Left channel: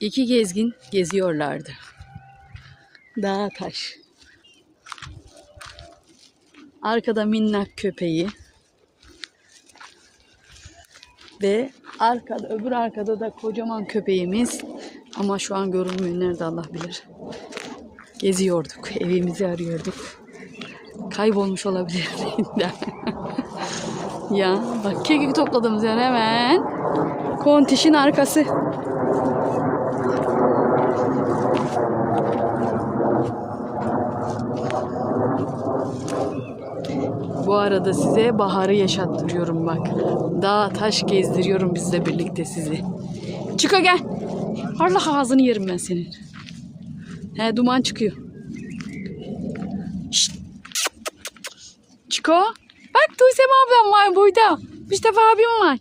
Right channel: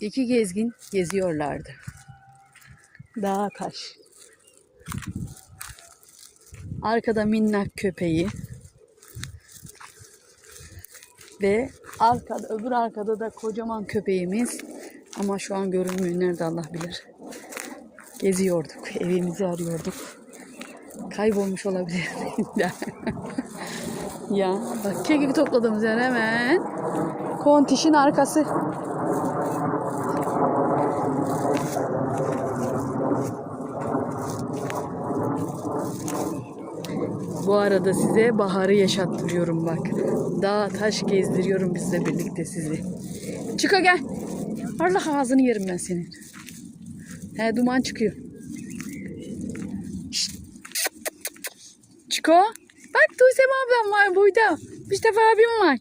İki gezgin geziyorlardı. Dağ taş. Arkada minnak köpeği. Ve öbür arkada da kocaman köpeğimiz. Ama şu an görünmüyor. Nerede Allah bilir. Geziyorduk. Evimizi arıyorduk. Kaybolmuş olabilir. Ya bak, kekik topladığımız yer hemen Kontiş'in arkası. Bu arada size baharı yaşattırıyorum bak. Dağ taş gezdiriyorum bizle birlikte sizi. Çıko gel. Allah ağzını yerim ben senin. He, duman çıkıyor. Şşt. Çıko. Bak Tuysem ablam var burada. Mustafa abim var.